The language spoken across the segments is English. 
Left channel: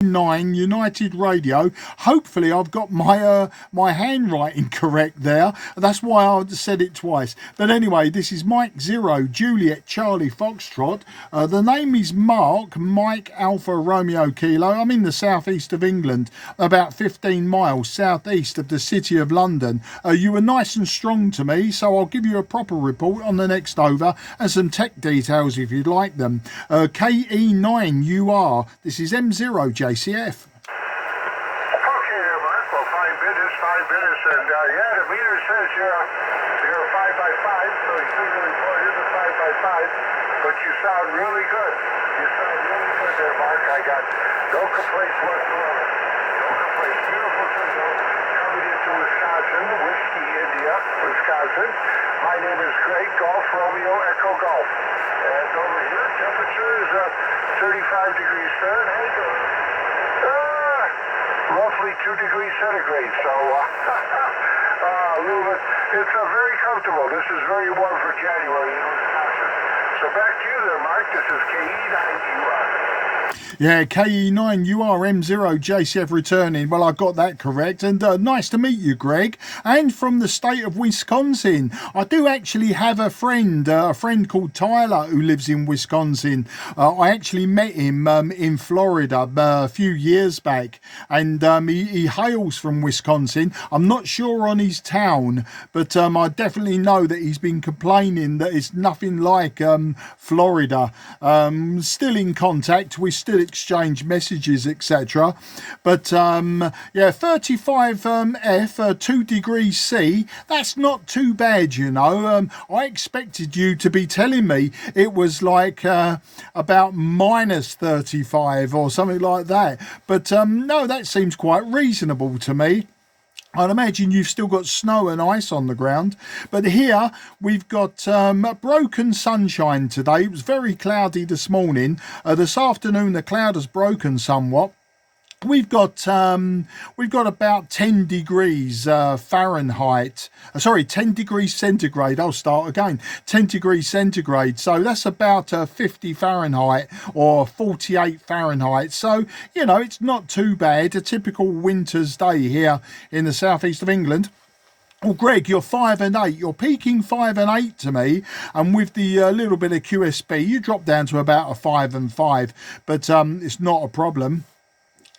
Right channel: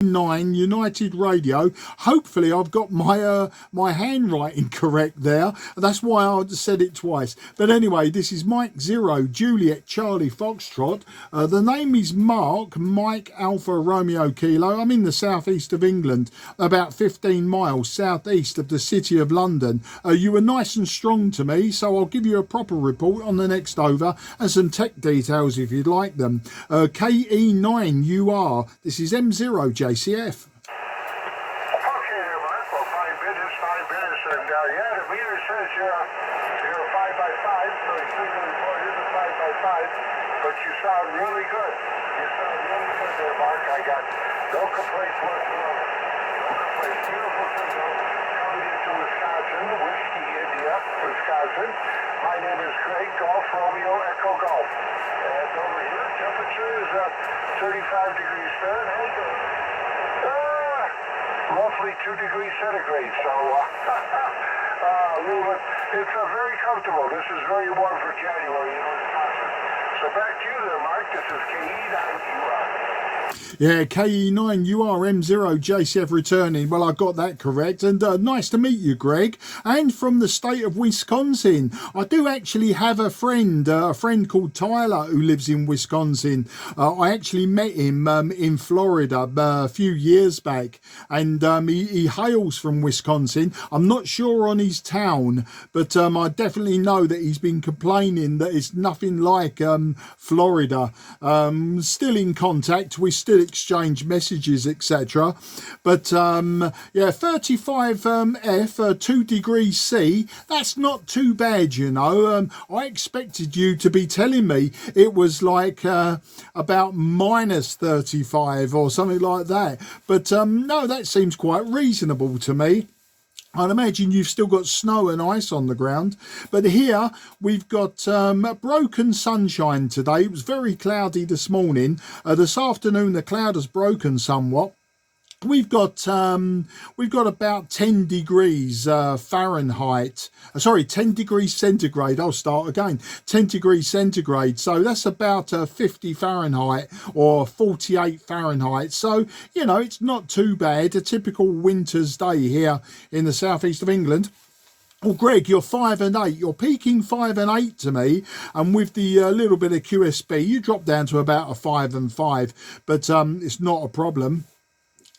9 United Radio. Hopefully I've got my my handwriting correct there. That's why I said it twice. But anyway, this is Mike 0 Juliet Charlie Foxtrot. The name is Mark Mike Alpha Romeo Kilo. I'm in the southeast of England, about 15 miles southeast of the city of London. You were nice and strong to me, so I'll give you a proper report on the next over and some tech details if you'd like them. KE9UR. This is M0 JCF. Okay, Mark. Well, fine business, and yeah, the meter says you're a 5x5, so you see the report is a 5x5, but you sound really good. You sound really good there, Mark. I got no complaints whatsoever. No complaints. Beautiful signal coming into Wisconsin, Whiskey, India, Wisconsin. My name is Greg, Golf Romeo Echo Golf. And over here, temperature is 35 degrees Fahrenheit. Roughly 2 degrees centigrade, so a little bit. It's very comfortable. This is very warm for January in Wisconsin. So back to you there, Mark. This is KE9UR. Yeah, KE9UR M0 JCF returning. Well, I got that correct. And nice to meet you, Greg. And from the state of Wisconsin. I do actually have a friend called Tyler who lives in Wisconsin. I actually met him in Florida a few years back. And he hails from Wisconsin. I'm not sure on his town, but I definitely know that he's been complaining that it's nothing like Florida. Still in contact. We still exchange messages, etc. But yeah, 35F, 2 degrees C, that's not too bad, you know. I expected you to be telling me it was like about minus 35 or something like that. But no, that seems quite reasonable to me. I'd imagine you've still got snow and ice on the ground. But here we've got broken sunshine today. It was very cloudy this morning. This afternoon the cloud has broken somewhat. We've got about 10 degrees Fahrenheit. Sorry, 10 degrees centigrade. I'll start again. 10 degrees centigrade. So that's about 50 Fahrenheit or 48 Fahrenheit. So, you know, it's not too bad. A typical winter's day here in the southeast of England. Well, Greg, you're 5 and 8. You're peaking 5 and 8 to me, and with the little bit of QSB, you drop down to about a 5 and 5. But it's not a problem.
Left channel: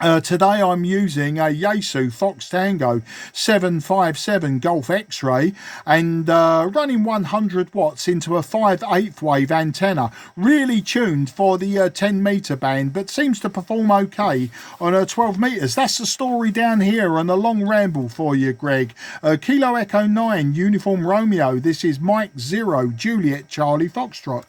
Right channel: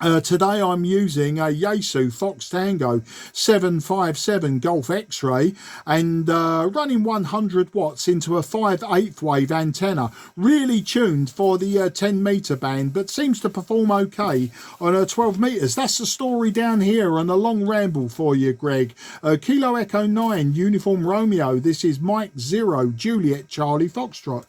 Today I'm using a Yaesu Fox Tango 757 Golf X-Ray and running 100 watts into a 5/8 wave antenna, really tuned for the 10 metre band, but seems to perform okay on 12 metres. That's the story down here and a long ramble for you, Greg. Kilo Echo 9 Uniform Romeo. This is Mike 0 Juliet Charlie Foxtrot.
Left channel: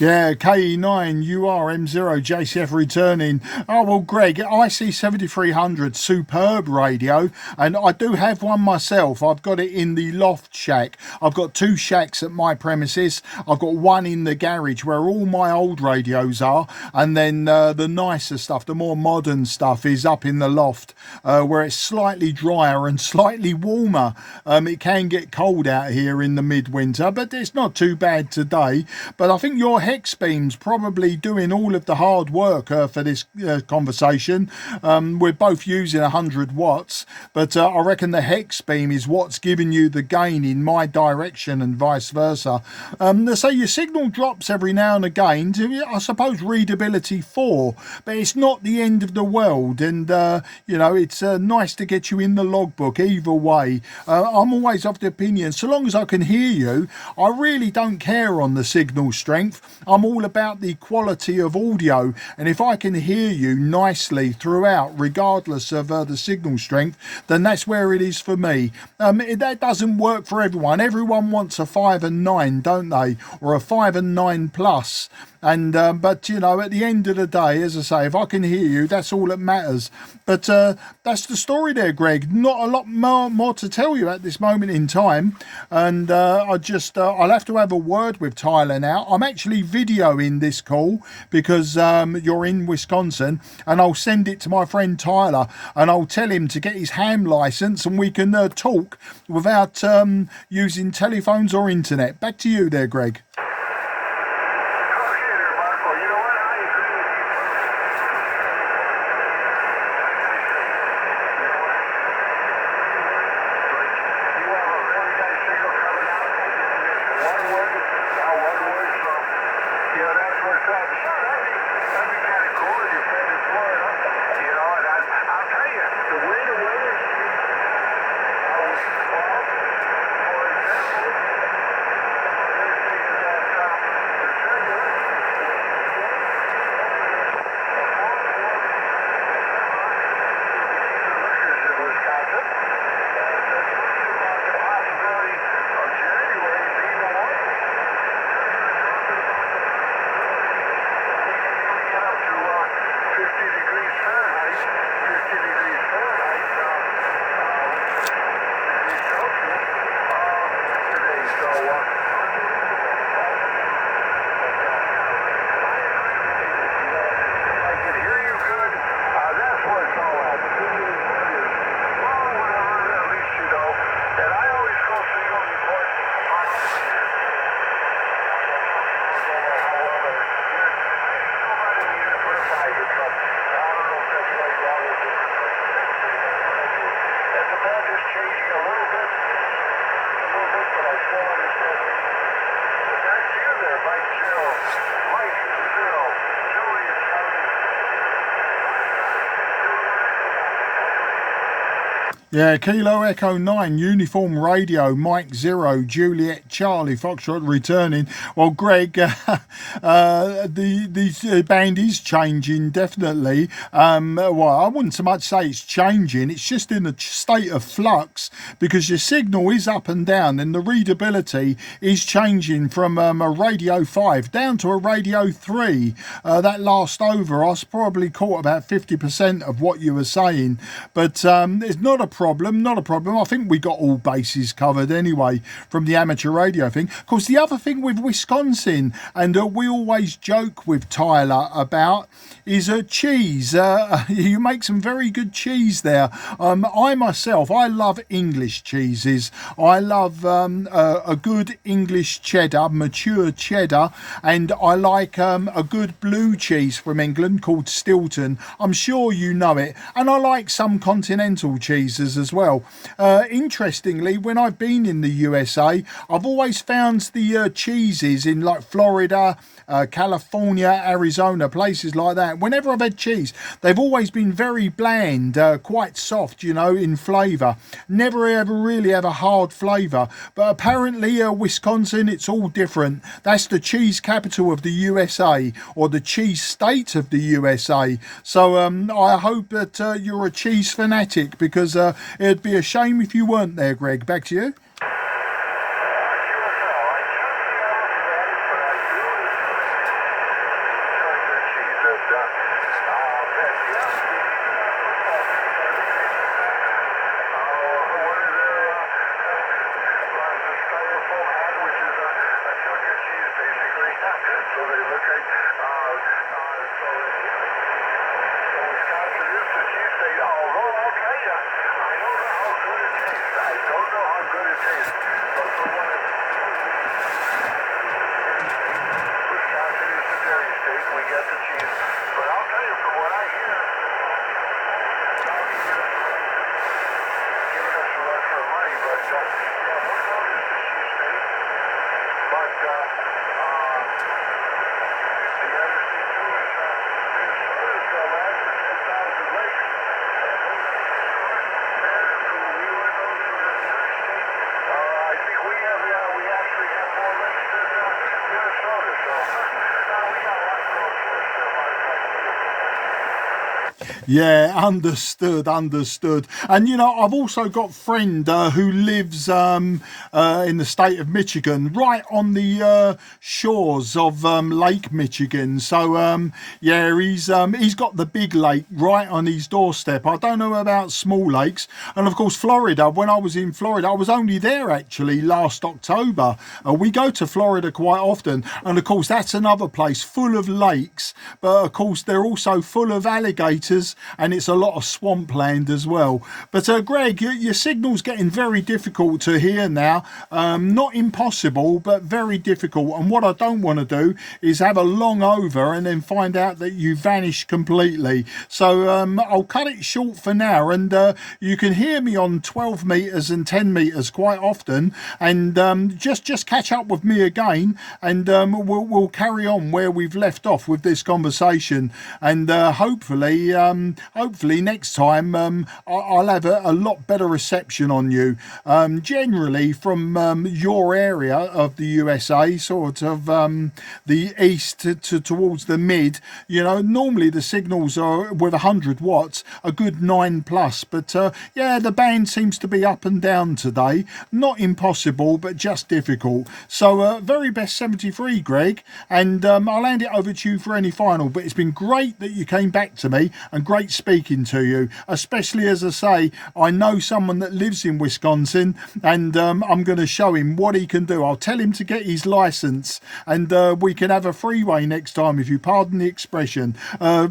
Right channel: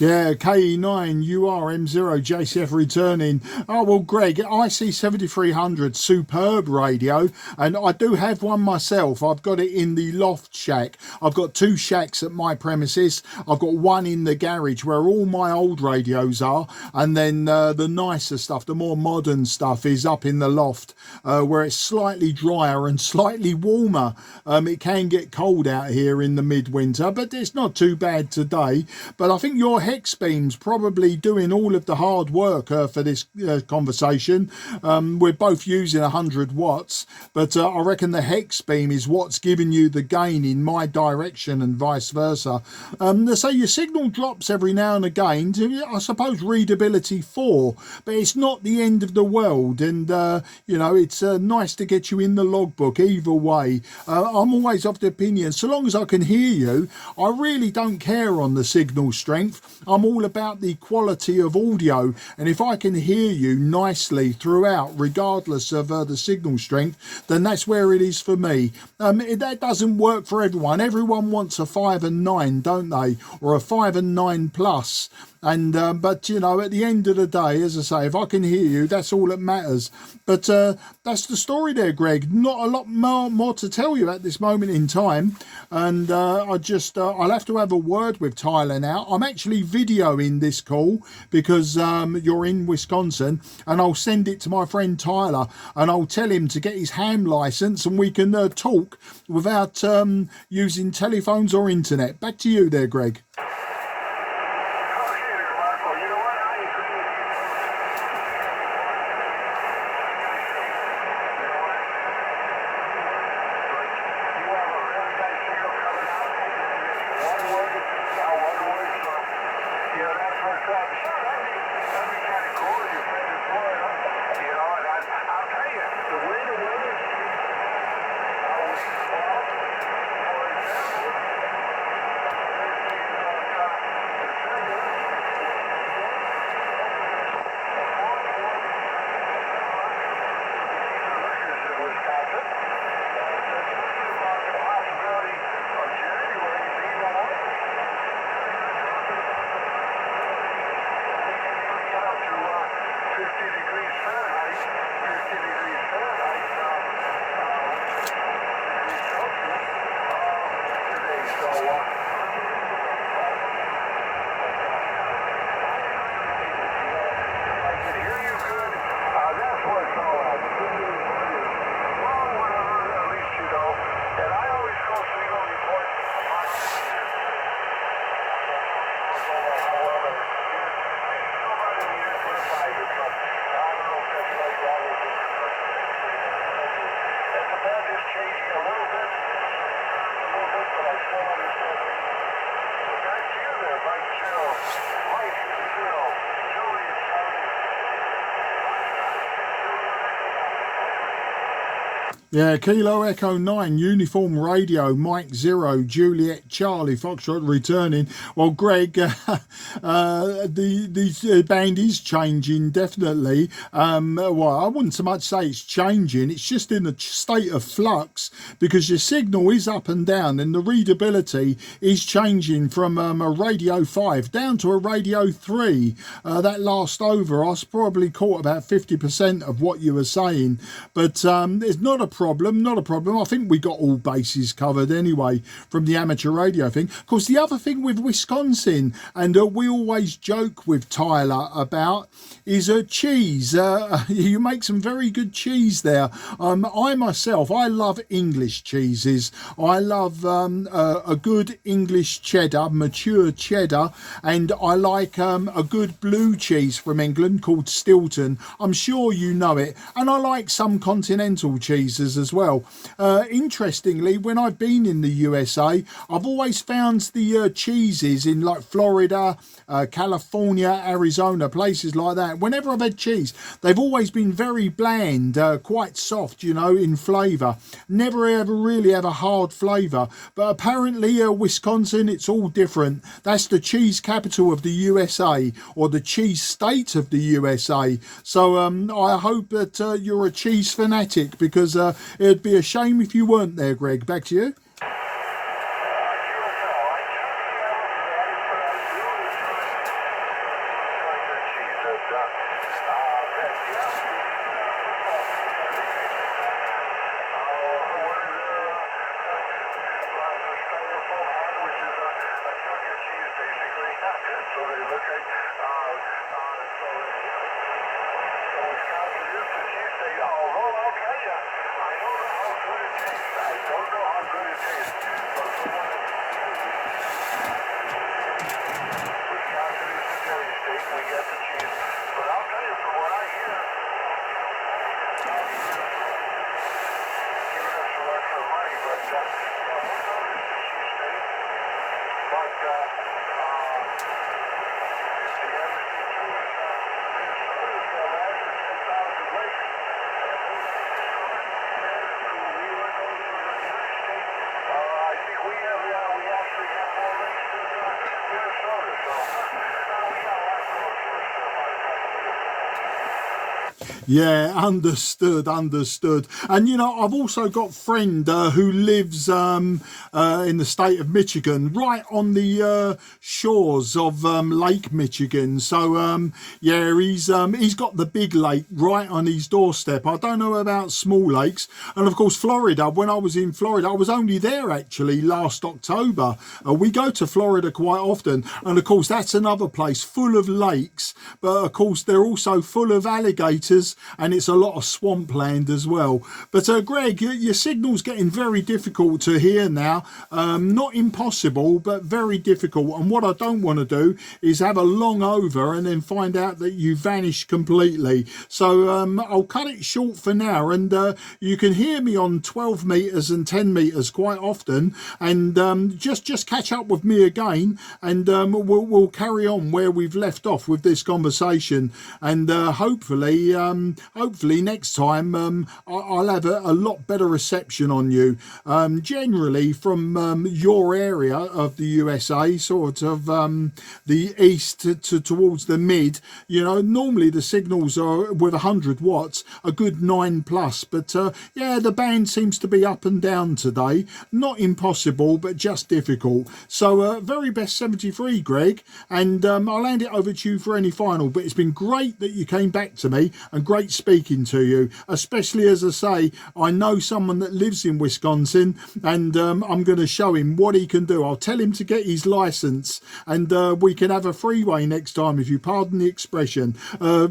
Yeah, KE9UR M0 JCF returning. Oh, well, Greg, IC7300 superb radio, and I do have one myself. I've got it in the loft shack. I've got 2 shacks at my premises. I've got one in the garage where all my old radios are, and then the nicer stuff, the more modern stuff, is up in the loft where it's slightly drier and slightly warmer. It can get cold out here in the midwinter, but it's not too bad today. But I think your hex beam's probably doing all of the hard work for this conversation. We're both using 100 watts, but I reckon the hex beam is what's giving you the gain in my direction and vice versa. So your signal drops every now and again to, I suppose, readability 4, but it's not the end of the world, and you know, it's nice to get you in the logbook either way. I'm always of the opinion, so long as I can hear you, I really don't care on the signal strength. I'm all about the quality of audio, and if I can hear you nicely throughout, regardless of the signal strength, then that's where it is for me. That doesn't work for everyone. Everyone wants a 5 and 9, don't they? Or a 5 and 9 plus. And but you know, at the end of the day, as I say, if I can hear you, that's all that matters. But that's the story there, Greg. Not a lot more to tell you at this moment in time. And I'll have to have a word with Tyler now. I'm actually videoing this call because you're in Wisconsin, and I'll send it to my friend Tyler, and I'll tell him to get his ham license, and we can talk without using telephones or internet. Back to you there, Greg. Yeah, Kilo Echo 9, Uniform Radio, Mike 0, Juliet Charlie, Foxtrot returning. Well, Greg, the band is changing, definitely. Well, I wouldn't so much say it's changing, it's just in a state of flux, because your signal is up and down, and the readability is changing from a Radio 5 down to a Radio 3. That last over, I probably caught about 50% of what you were saying, but it's not a problem. I think we got all bases covered anyway from the amateur radio thing. Of course, the other thing with Wisconsin, and we always joke with Tyler about, is cheese. You make some very good cheese there. I myself, I love English cheeses. I love a good English cheddar, mature cheddar, and I like a good blue cheese from England called Stilton. I'm sure you know it. And I like some continental cheeses as well. Interestingly, when I've been in the USA, I've always found the cheeses in like Florida, California, Arizona, places like that. Whenever I've had cheese, they've always been very bland, quite soft, you know, in flavour. Never ever really have a hard flavour. But apparently Wisconsin, it's all different. That's the cheese capital of the USA, or the cheese state of the USA. So I hope that you're a cheese fanatic, because it'd be a shame if you weren't there, Greg. Back to you. Yeah, understood. And you know, I've also got a friend who lives in the state of Michigan, right on the shores of Lake Michigan. So yeah, he's got the big lake right on his doorstep. I don't know about small lakes, and of course Florida. When I was in Florida, I was only there actually last October. We go to Florida quite often, and of course that's another place full of lakes, but of course they're also full of alligators, and it's a lot of swampland as well. But Greg, your signal's getting very difficult to hear now. Not impossible, but very difficult. And what I don't want to do is have a long over and then find out that you vanished completely. So I'll cut it short for now, and you can hear me on 12 meters and 10 meters quite often. And just catch up with me again, and we'll carry on where we've left off with this conversation. And hopefully next time I'll have a lot better reception on you. Generally from your area of the USA, sort of the east to towards the mid, you know, normally the signals are with 100 watts a good 9+, but yeah, the band seems to be up and down today. Not impossible, but just difficult. So very best 73, Greg, and I'll hand it over to you for any final. But it's been great that you came back to me, and great speaking to you, especially, as I say, I know someone that lives in Wisconsin, and I'm going to show him what he can do. I'll tell him to get his license, and we can have a freeway next time, if you pardon the expression.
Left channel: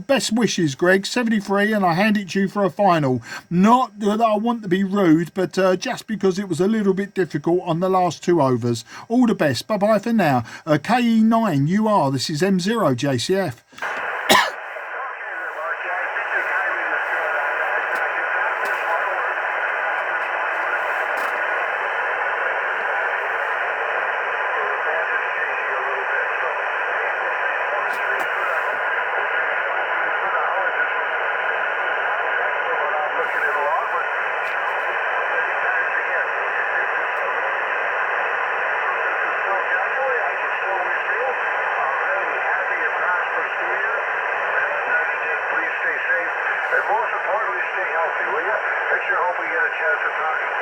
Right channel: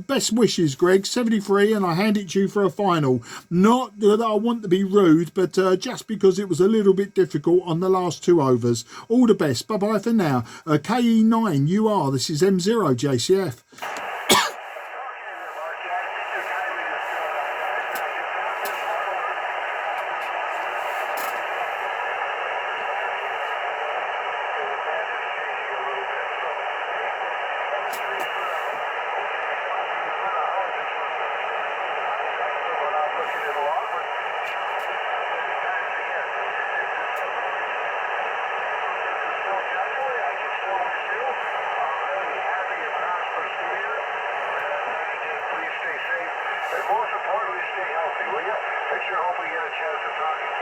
Best wishes, Greg, 73, and I hand it to you for a final. Not that I want to be rude, but just because it was a little bit difficult on the last 2 overs. All the best. Bye bye for now. KE9UR, this is M0JCF. And most importantly, stay healthy, will you? I sure hope we get a chance to talk again.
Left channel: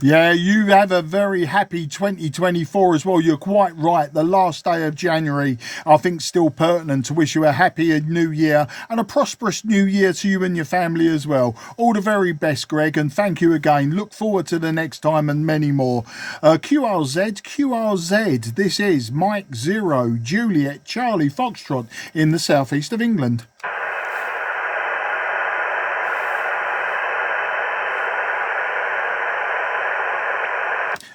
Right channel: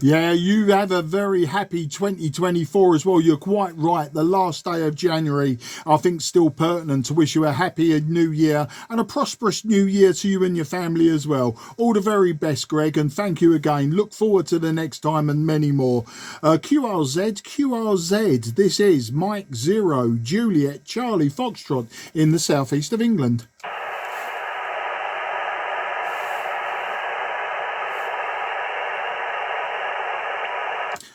Yeah, you have a very happy 2024 as well. You're quite right. The last day of January, I think, still pertinent to wish you a happy new year and a prosperous new year to you and your family as well. All the very best, Greg, and thank you again. Look forward to the next time and many more. QRZ, this is Mike 0 Juliet Charlie Foxtrot in the southeast of England.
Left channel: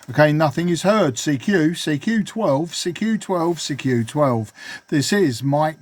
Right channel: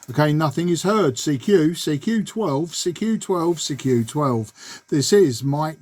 Okay, nothing is heard. CQ12, CQ12, CQ12. This is Mike